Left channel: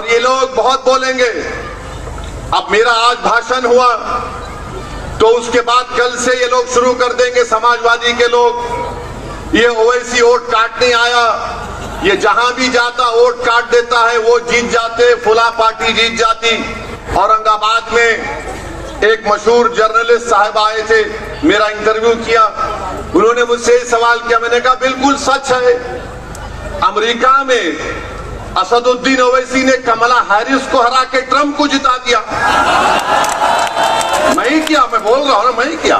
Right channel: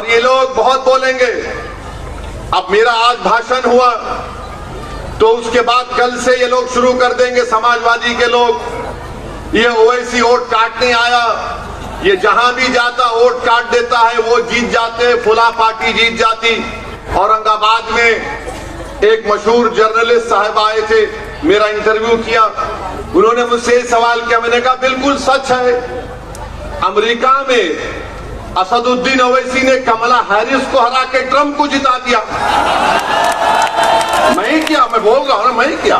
और ये लोग बहुत बोलेंगे। अब मेरा आज भाषण हुआ तो उसके बाद कल से ये लोग शुरू कर देंगे, समाजवादी के लोग, ये ओवैसी वोट काटने आया, ये जहां भी जाता वोट काट देता है, वो जीत जाते, फुला पार्टी जीत जाती। औरंगाबाद में एक मशहूर जर्नलिस्ट साहब आए थे, मेरा इंटरव्यू किया, उन्होंने मुझसे सवाल किया, मैंने कहा बिल्कुल सच है, अमेरिका में असदुद्दीन ओवैसी ने कमला हैरिस को हरा के ट्रंप को जिता दिया। मैं ही किया, मैं बोल रहा हूं, मैं ही किया,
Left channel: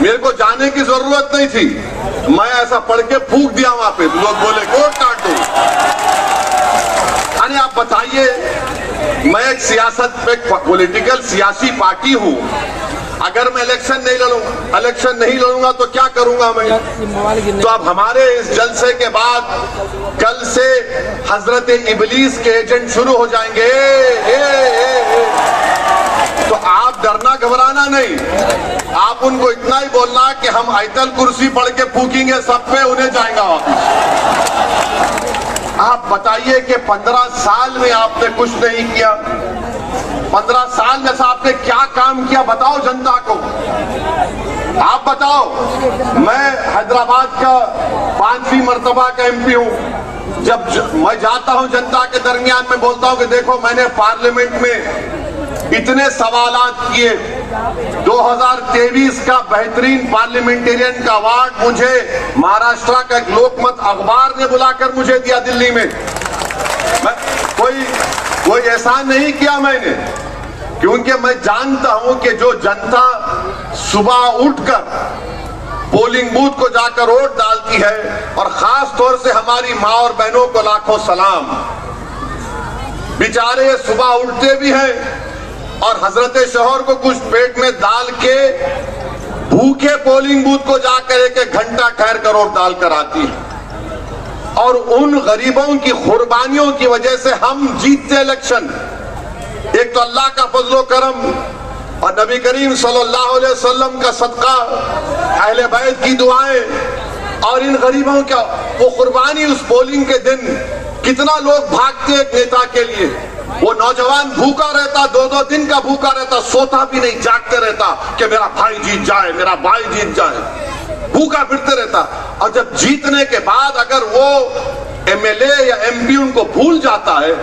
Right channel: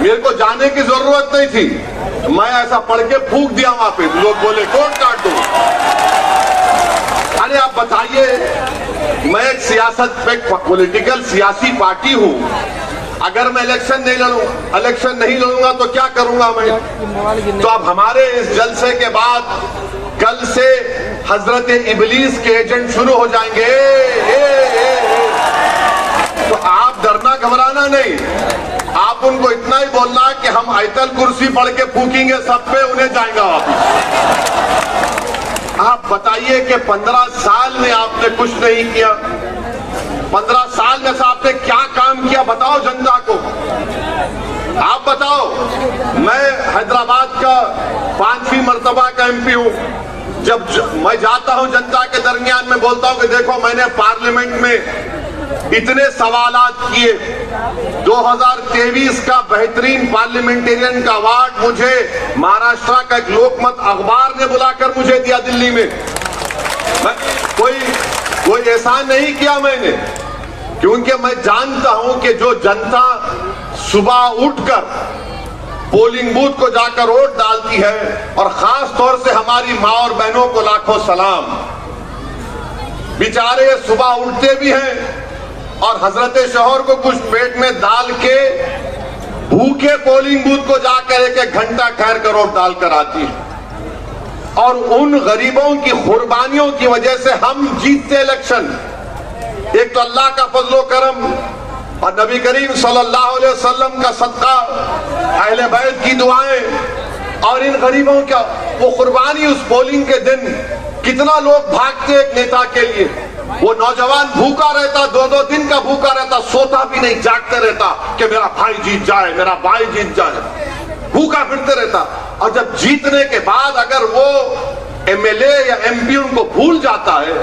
मेरे को जाने की जरूरत नहीं थी, मैं ऐसा पढ़ के फूंक दिया वहां पे, लोग बोले वोट काट दो। अरे आप बताइए, मैं एक सियासत पे पॉलिटिकल सियासी पार्टी हूं, अगर मैं इलेक्शन नहीं लड़ूंगा तो क्या करूंगा मैं? तो अब हमारे इस जलसे के बाद कल से हजरत इबलीस के एजेंट शुरू हो जाएंगे। तो आप डरना घबराना नहीं, आप उनको इतना ही बोलना कि हम आयतल कुर्सी पढ़ के फूकेंगे सब पे, उन्हें जाएगा वापस। आप बताइए कि 15 साल में आपने कुछ नहीं किया, 15 साल में से आपने क्या काम किया बताओ जनता को, आप बताओ। मैं हैदराबाद का 5वीं मर्तबा का एमपी हूं, जब मैं जाता हूं जनता के दरमियान में बोलता हूं कि देखो मैंने पार्लियामेंट में इतने सवालात किए, 2023 का बेहतरीन पार्लियामेंटेरियन का अवार्ड मुझे महाराष्ट्र का एक लोकमत अखबार ने बुलाकर मुझे दिया दिल्ली में। मैं कोई एहसान नहीं किया मैंने, क्योंकि मैं जानता हूं कि जो जनता सुबह उठकर पोलिंग बूथ को जाकर वोट डालती है, और खास तौर से हमारी मां और बहनों को लाखों सलाम, बेचारे सुबह उठते भी हैं और हजरत शोहर को कुछ पेट में डाल के भूखे पोलिंग बूथ को जाकर एक घंटा ठहर कर वोट डालकर आती है। और उन गरीबों की कुर्बानियों की वजह से हम जीतते इलेक्शन। एक तो अल्लाह का फजलो करम और नबी करीम सल्लल्लाहु अलैहि वसल्लम का सदका, अहले बैत की दुआएं, और इन गरीबों का वो कुर्बानी। उस पोलिंग के दिन कितना लोग भागते एक नेता के लिए, वो नौजवान भूखा रहता, 2-2 दिन का भूखा रहता, सोता भी नहीं, जागते रहता कि मेरा भाई जीत जाए, मेरा भाई जीत जाए, भूखा फिरते रहता। और जब जीतने के बाद अगर वो एमएलए या एमपी उनको भूल जाता है,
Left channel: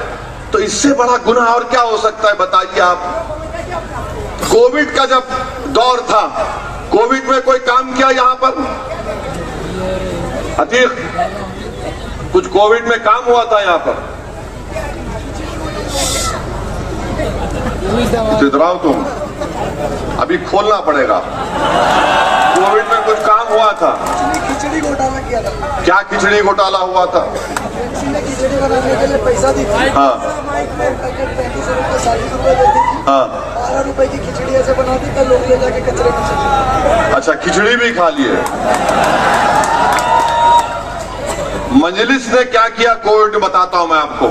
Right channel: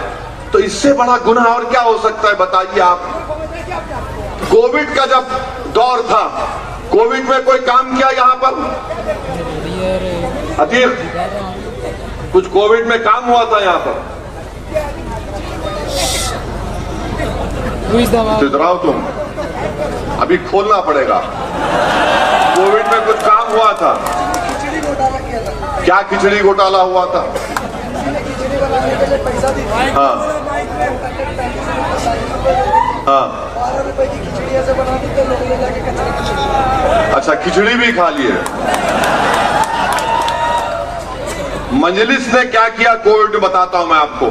तो इससे बड़ा गुनाह और क्या हो सकता है बताइए आप। कोविड का जब दौर था, कोविड में कोई काम किया यहां पर? अतीक कुछ कोविड में काम हुआ था यहां पर? इधराओ तुम, अभी खोलना पड़ेगा। कोविड में कुछ काम हुआ था? क्या खिचड़ी घोटाला हुआ था? हाँ हाँ, अच्छा खिचड़ी भी खा लिए। मजलिस ने क्या किया कोविड बताता हूं मैं आपको।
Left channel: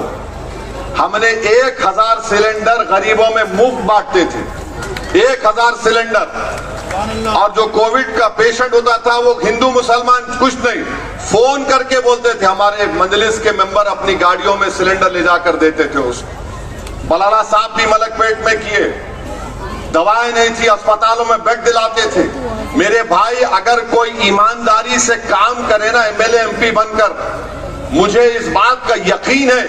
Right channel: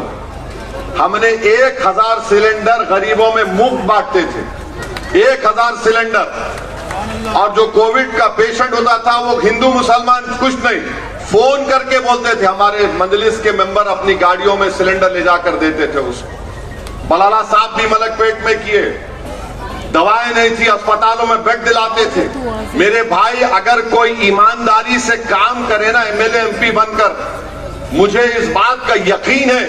हमने 1000 सिलेंडर गरीबों में मुफ्त बांटते थे, 1000 सिलेंडर। और जो कोविड का पेशेंट होता था वो हिंदू मुसलमान कुछ नहीं, फोन करके बोलते थे, हमारे मजलिस के मेंबर अपनी गाड़ियों में सिलेंडर ले जाकर देते थे उसको। मलाला साहब भी मलकपेट में किए, दवाएं नहीं थी, अस्पतालों में बेड दिलाते थे। मेरे भाई अगर कोई ईमानदारी से काम करे ना एमएलए एमपी बनकर, मुझे इस बात का यकीन है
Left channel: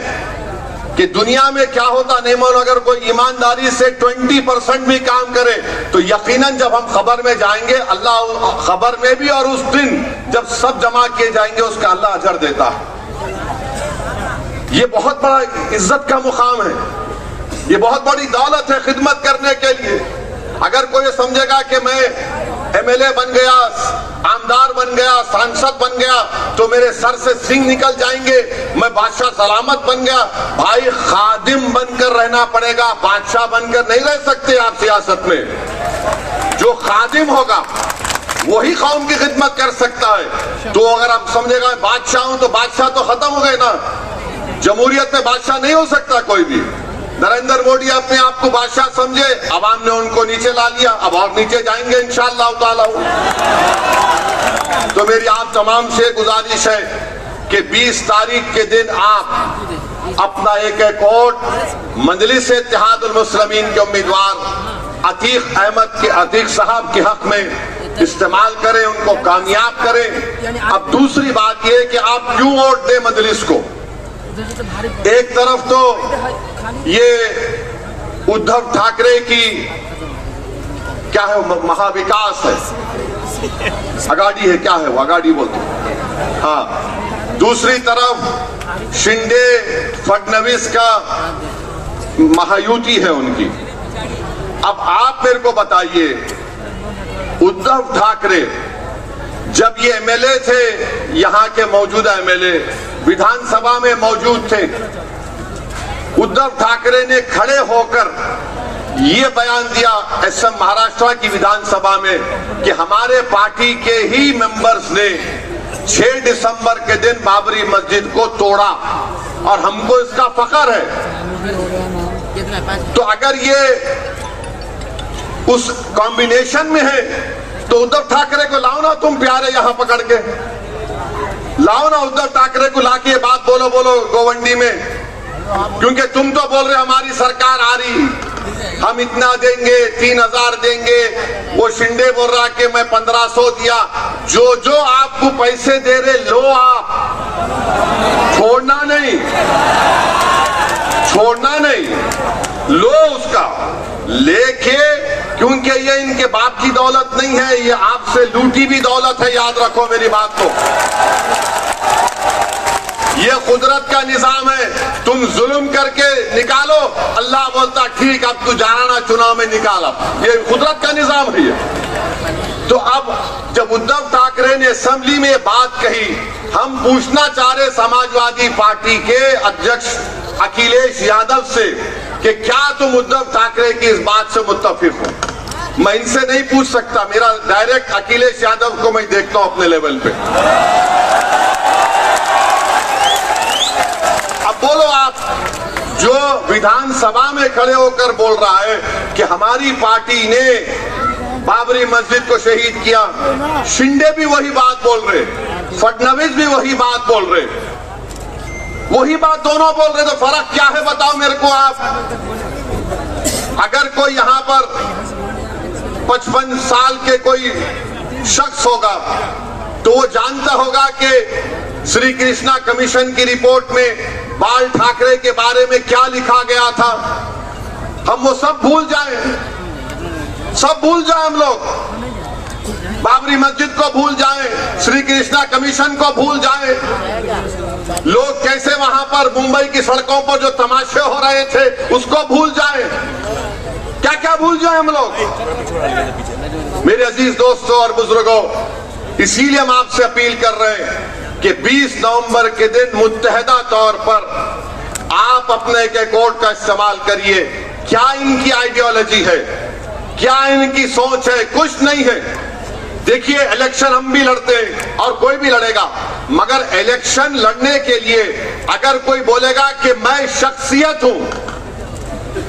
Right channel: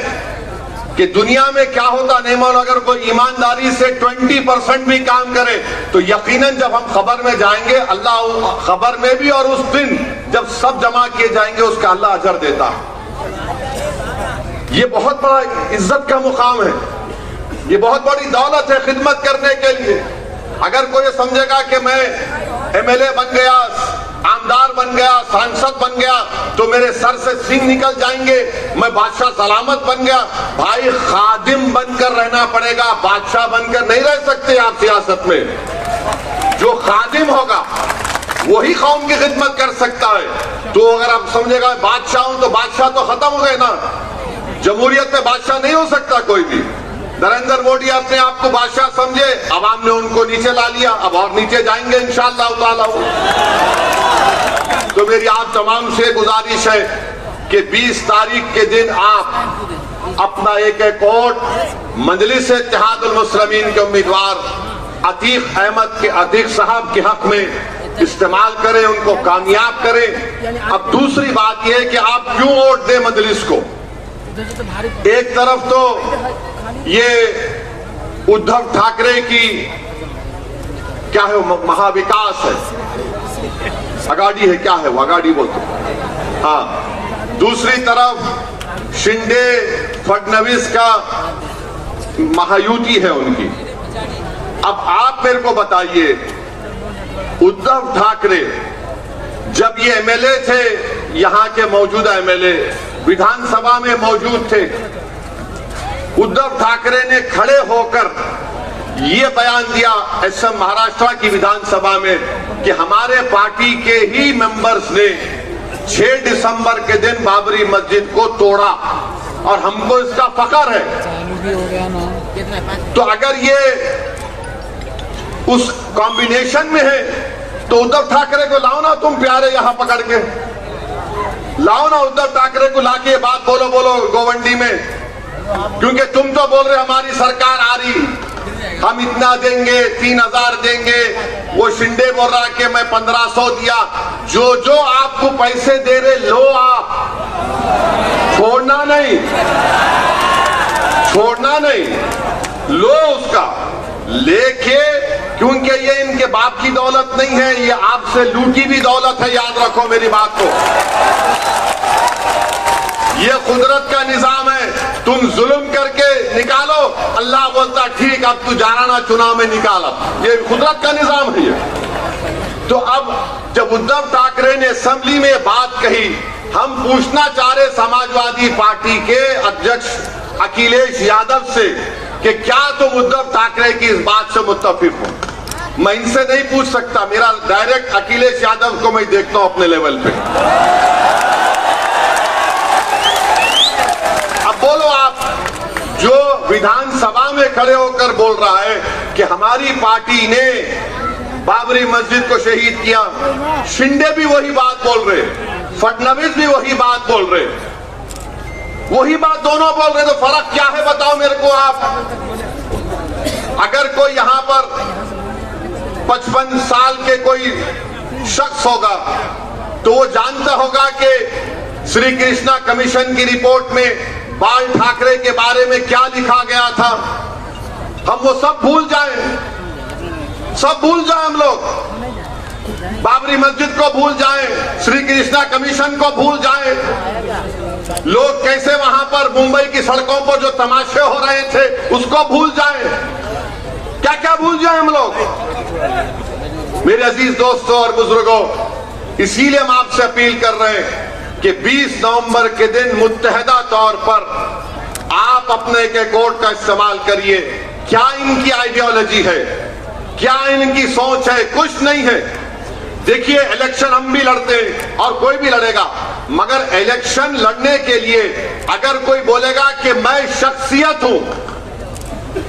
कि दुनिया में क्या होता नहीं मालूम, अगर कोई ईमानदारी से 20% भी काम करे तो यकीनन जब हम खबर में जाएंगे, अल्लाह खबर में भी, और उस दिन जब सब जमा किए जाएंगे उसका अल्लाह अजर देता है। ये बहुत बड़ा इज्जत का मुकाम है, ये बहुत बड़ी दौलत है खिदमत करने के लिए। अगर कोई समझेगा कि मैं एमएलए बन गया, आमदार बन गया, सांसद बन गया तो मेरे सर से सिंह निकल जाएंगे, मैं बादशाह सलामत बन गया, भाई खादिम बनकर रहना पड़ेगा, बादशाह बनकर नहीं रह सकते आप सियासत में। जो खादिम होगा वही कौम की खिदमत कर सकता है। तो अगर आप समझेगा बादशाह हूं तो बादशाह तो खत्म हो गए ना, जमहूरियत में बादशाह नहीं हो सकता कोई भी। नरेंद्र मोदी अपने आप को बादशाह समझे, अवाम ने उनको नीचे ला लिया, अब और नीचे जाएंगे इंशाअल्लाह ताला। तो मेरी आप तमाम से गुजारिश है कि 20 तारीख के दिन आप अपना एक एक वोट मजलिस इत्तेहादुल मुस्लिमीन के उम्मीदवार अतीक साहब के हक में इस्तेमाल करें, उनको कामयाब करें। अब दूसरी बात यह कि आप क्यों वोट दें मजलिस को। एक तरफ तो ये उद्धव ठाकरे की क्या है, महाविकास है, अगाड़ी है, क्या है वो, अगाड़ी बोलते, हाँ। दूसरी तरफ शिंदे फडणवीस का महायुति है उनकी। अब आप मेरे को बताइए, उद्धव ठाकरे जब ये एमएलए थे, यहां के मौजूदा एमएलए विधानसभा में मौजूद थे, उद्धव ठाकरे ने खड़े होकर ये बयान दिया असम महाराष्ट्र की विधानसभा में कि हमारे पार्टी के ही मेंबर्स ने 6 दिसंबर के दिन बाबरी मस्जिद को तोड़ा और हमको इसका फख्र है। तो अगर ये उस कॉम्बिनेशन में है तो उद्धव ठाकरे को लाओ ना, तुम प्यारे यहां पकड़ के लाओ ना, उद्धव ठाकरे को लाके बात बोलो गोवंडी में, क्योंकि तुम तो बोल रहे हमारी सरकार आ रही, हम इतना देंगे, 3000 देंगे। वो शिंदे बोल रहा कि मैं 1500 दिया। जो आपको पैसे दे रहे लो, आप छोड़ना नहीं, लो उसका लेके, क्योंकि ये इनके बाप की दौलत नहीं है, ये आपसे लूटी भी दौलत है, याद रखो मेरी बात को। ये कुदरत का निजाम है, तुम जुल्म करके निकालो, अल्लाह बोलता ठीक, अब तू जाना ना चुनाव में निकाला, ये कुदरत का निजाम है ये। तो अब जब उद्धव ठाकरे ने असेंबली में बात कही, हम पूछना चाह रहे समाजवादी पार्टी के अध्यक्ष अखिलेश यादव से कि क्या तुम उद्धव ठाकरे की इस बात से मुत्तफिक हो। मैं इनसे नहीं पूछ सकता, मेरा डायरेक्ट अखिलेश यादव को मैं देखता हूं अपने लेवल पे। अब बोलो आप, जो विधानसभा में खड़े होकर बोल रहा है कि हमारी पार्टी ने बाबरी मस्जिद को शहीद किया, शिंदे भी वही बात बोल रहे, फडणवीस भी वही बात बोल रहे, वही बात दोनों बोल रहे, तो फर्क क्या है बताओ मेरे को आप। अगर कोई यहां पर 55 साल के कोई शख्स होगा तो वो जानता होगा कि श्री कृष्णा कमीशन की रिपोर्ट में बाल ठाकरे के बारे में क्या लिखा गया था। हम वो सब भूल जाएं हम लोग, बाबरी मस्जिद को भूल जाएं, श्री कृष्णा कमीशन को भूल जाएं, लोग कैसे वहां पर मुंबई की सड़कों पर जो तमाशे हो रहे थे उसको भूल जाएं, क्या भूल जाएं हम लोग। मेरे अजीज दोस्तों और बुजुर्गों, इसीलिए हम आपसे अपील कर रहे हैं कि 20 नवंबर के दिन मुत्तहदा तौर पर आप अपने एक वोट का इस्तेमाल करिए। क्या इनकी आइडियोलॉजी है, क्या इनकी सोच है, कुछ नहीं है। देखिए, इलेक्शन हम भी लड़ते हैं और कोई भी लड़ेगा, मगर इलेक्शन लड़ने के लिए अगर कोई बोलेगा कि मैं शख्सियत हूं,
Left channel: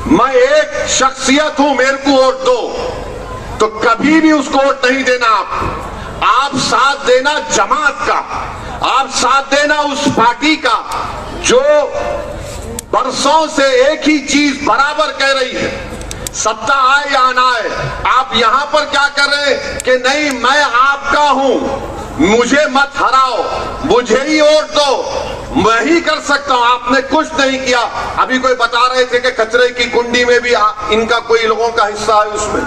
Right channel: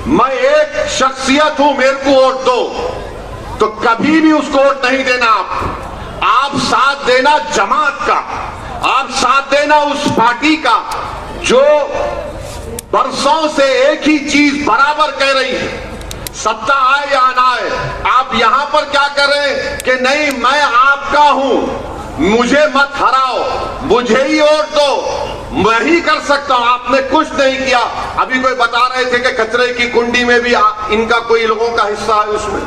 मैं एक शख्सियत हूं, मेरे को वोट दो, तो कभी भी उसको वोट नहीं देना। आप साथ देना जमात का, आप साथ देना उस पार्टी का जो बरसों से एक ही चीज बराबर कह रही है, सत्ता आए या ना आए। आप यहां पर क्या कर रहे हैं कि नहीं, मैं आपका हूं, मुझे मत हराओ, मुझे ही वोट दो, मैं ही कर सकता हूं। आपने कुछ नहीं किया। अभी कोई बता रहे थे कि कचरे की कुंडी में भी इनका कोई लोगों का हिस्सा है उसमें,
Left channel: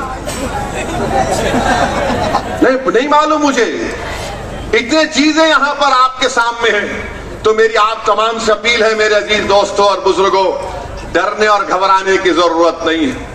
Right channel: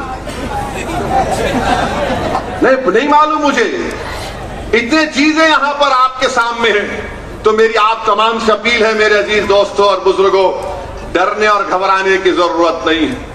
नहीं मालूम मुझे। इतनी चीजें यहां पर आपके सामने हैं। तो मेरी आप तमाम से अपील है मेरे अजीज दोस्तों और बुजुर्गों, डरने और घबराने की जरूरत नहीं है।